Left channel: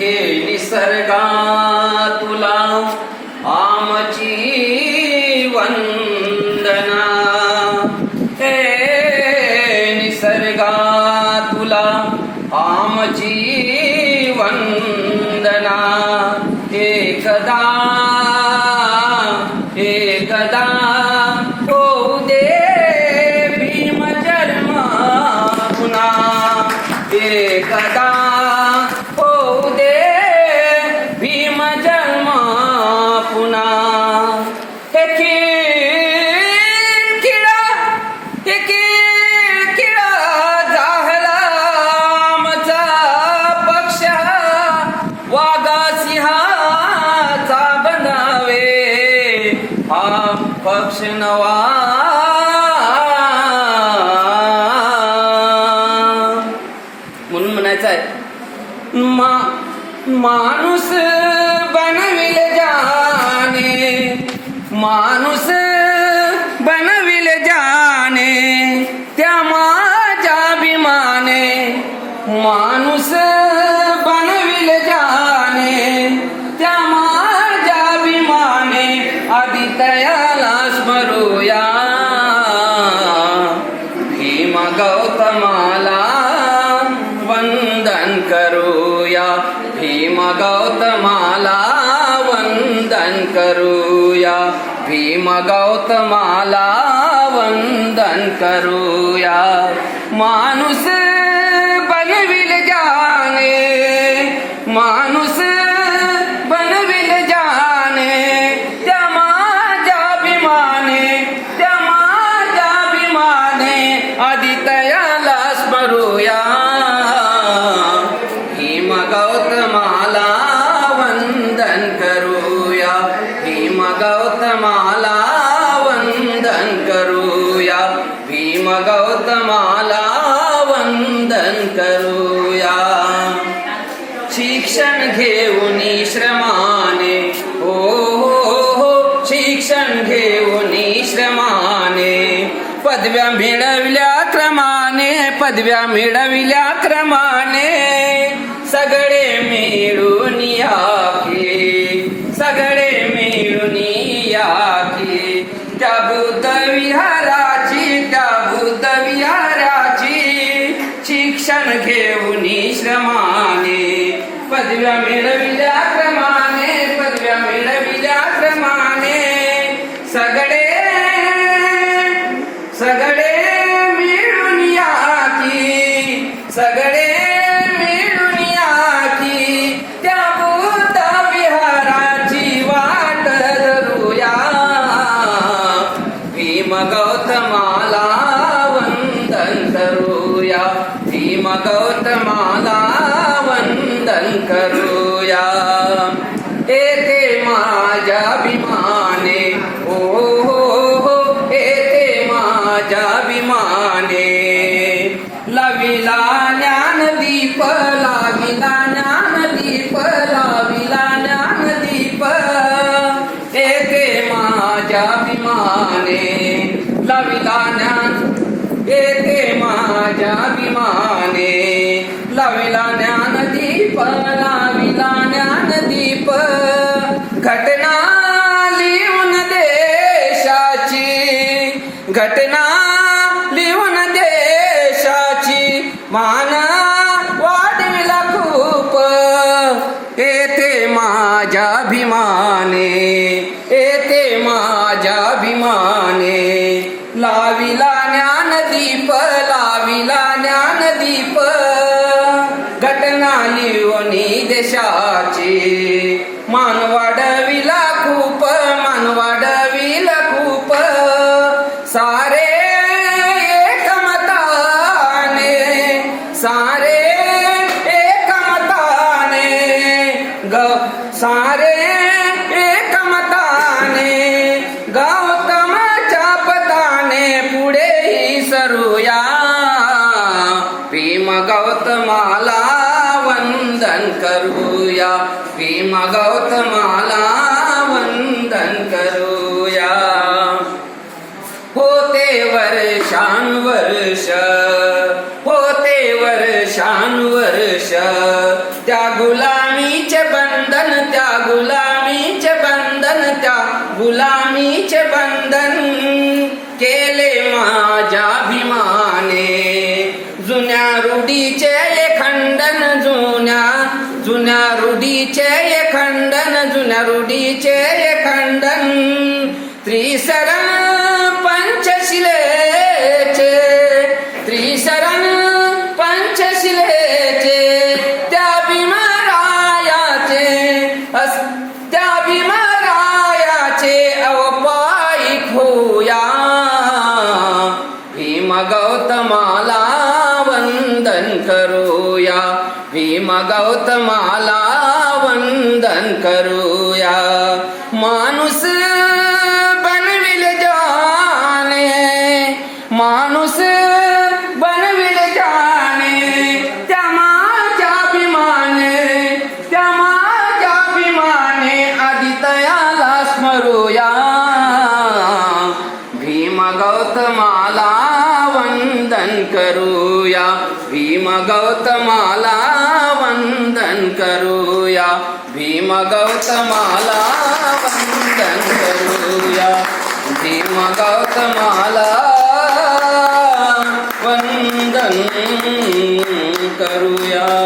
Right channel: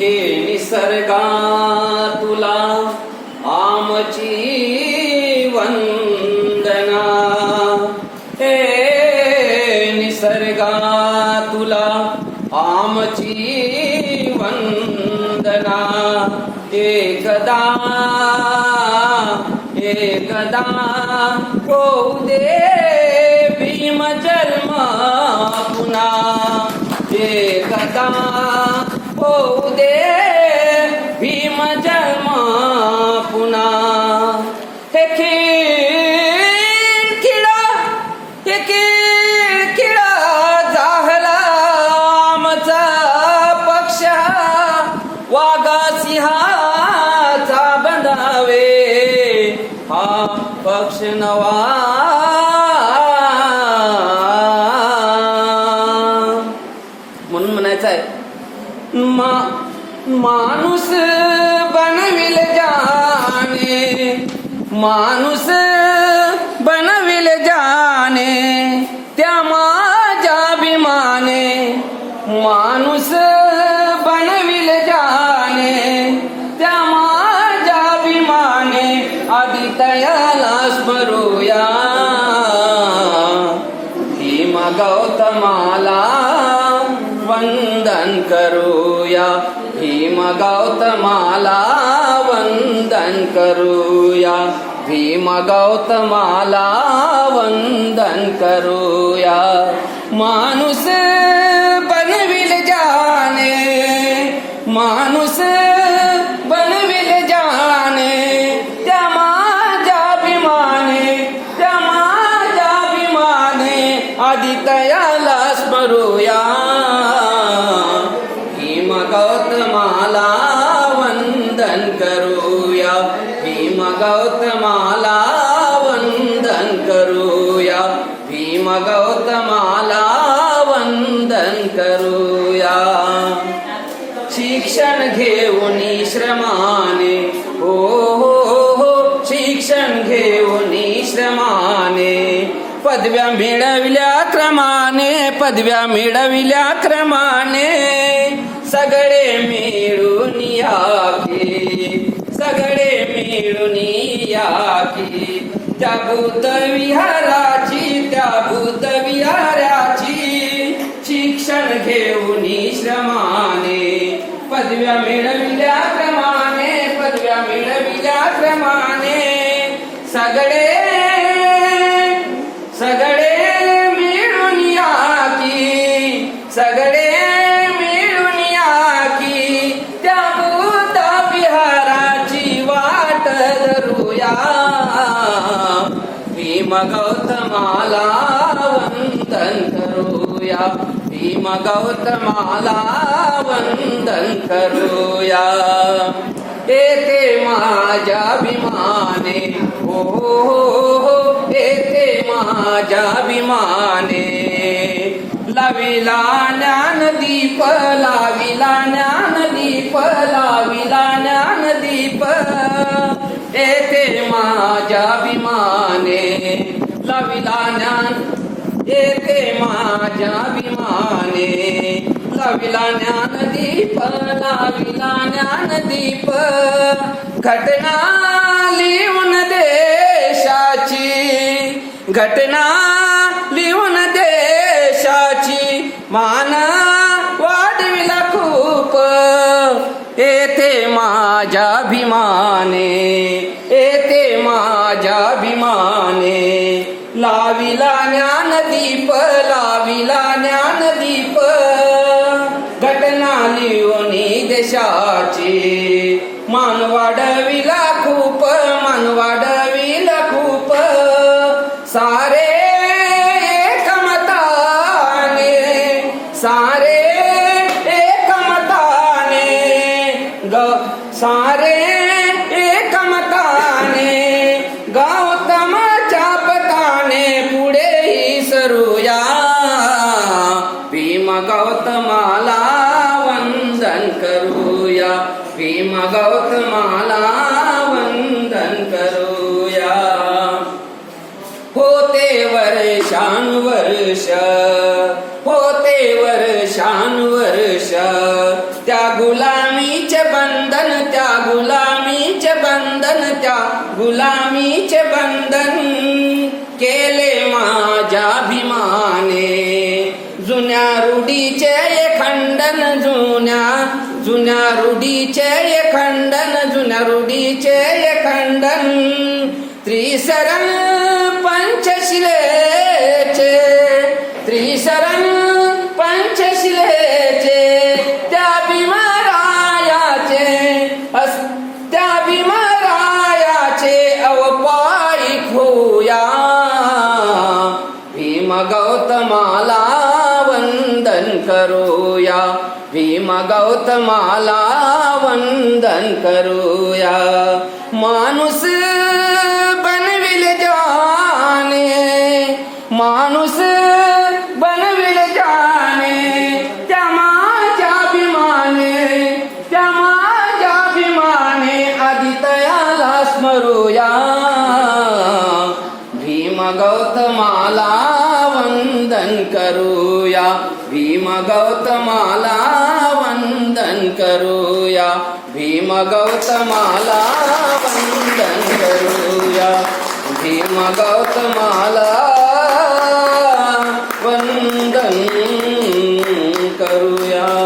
हे निसर्गा तुला आमची वंदना हे निसर्गा तुला आमची वंदना एकदा एकदा पुन्हा हे खीळ खिळा हे खीळ खिळा जाहला आमचा पक्ष. वागा सिंहाचा बंधावे हा पक्ष नवा. म्हणून म्हणायचं आहे मा माणूस बनविल जाने माणूस बनविले जाने त्या माझ्या अभिमाने माणूस बनविले जाने त्या माझ्या अभिमाने आधी तयाला स्मरूया भीम गौतमाला वंदन करूया. भीम गौतमाला वंदन करूया भीम गौतमाला वंदन करूया माणूस वंदन करूया। शिक्षण घेऊन श्रमाने हो हो हो शिक्षण घेऊन श्रमाने पदव्या मिळविल्या क्रमाने पदव्या मिळविल्या क्रमाने सगळे मिळून याके सगळे मिळून याके त्या बुद्ध विहार घेऊन श्रमाने पदव्या मिळविल्या क्रमाने गौतमाला वंदन करूया येते माझ्या अभिमाने हो हो हो येते माझ्या अभिमाने लाविला ज्ञानदीप लाविला ज्ञानदीप लाविला ज्ञानदीप येते माझ्या अभिमाने लाविला ज्ञान येते माझ्या अभिमाने. लाविला ज्ञानदीप लाविला ज्ञानदीप घटना लिहून देशाची. घटना लिहून देशाची. मान वाढविला खूप. येथे माझ्या अभिमाने. येथे माझ्या अभिमाने. लाविला ज्ञानदीप लाविला ज्ञानदीप घटना लिओनी देशाची. मान वाढविला खूप मान वाढविला खूप. सारे एकमताने सारे एकमताने. ग सारे करूया. भीम गौतमाला वंदन करूया. भीम गौतमाला वंदन करूया. होते वर्षा वर्षानुवर्ष होते वर्षानुवर्ष त्या गुलामीचे बंधन त्या गुलामीचे बंधन त्या गुलामीचे बंधन. केले माझ्या भीमाने जुन्या रूढीचे खंडन जुन्या जुन्या रूढीचे खंडन जुन्या रूढीचे खंडन. त्रिसरण पंचशिलेचे त्रिसरण पंचशिलेचे गौतमाला वंदन करूया. भीम गौतमाला वंदन करूया. माणूस बनविल जाने माणूस बनविल जाने त्या माझ्या अभिमाने त्या माझ्या अभिमाने आदितयाला स्मरूया. भीम गौतमाला वंदन करूया। भीम गौतमाला वंदन करूया। भीम गौतमाला वंदन करूया। भीम गौतमाला वंदन करूया।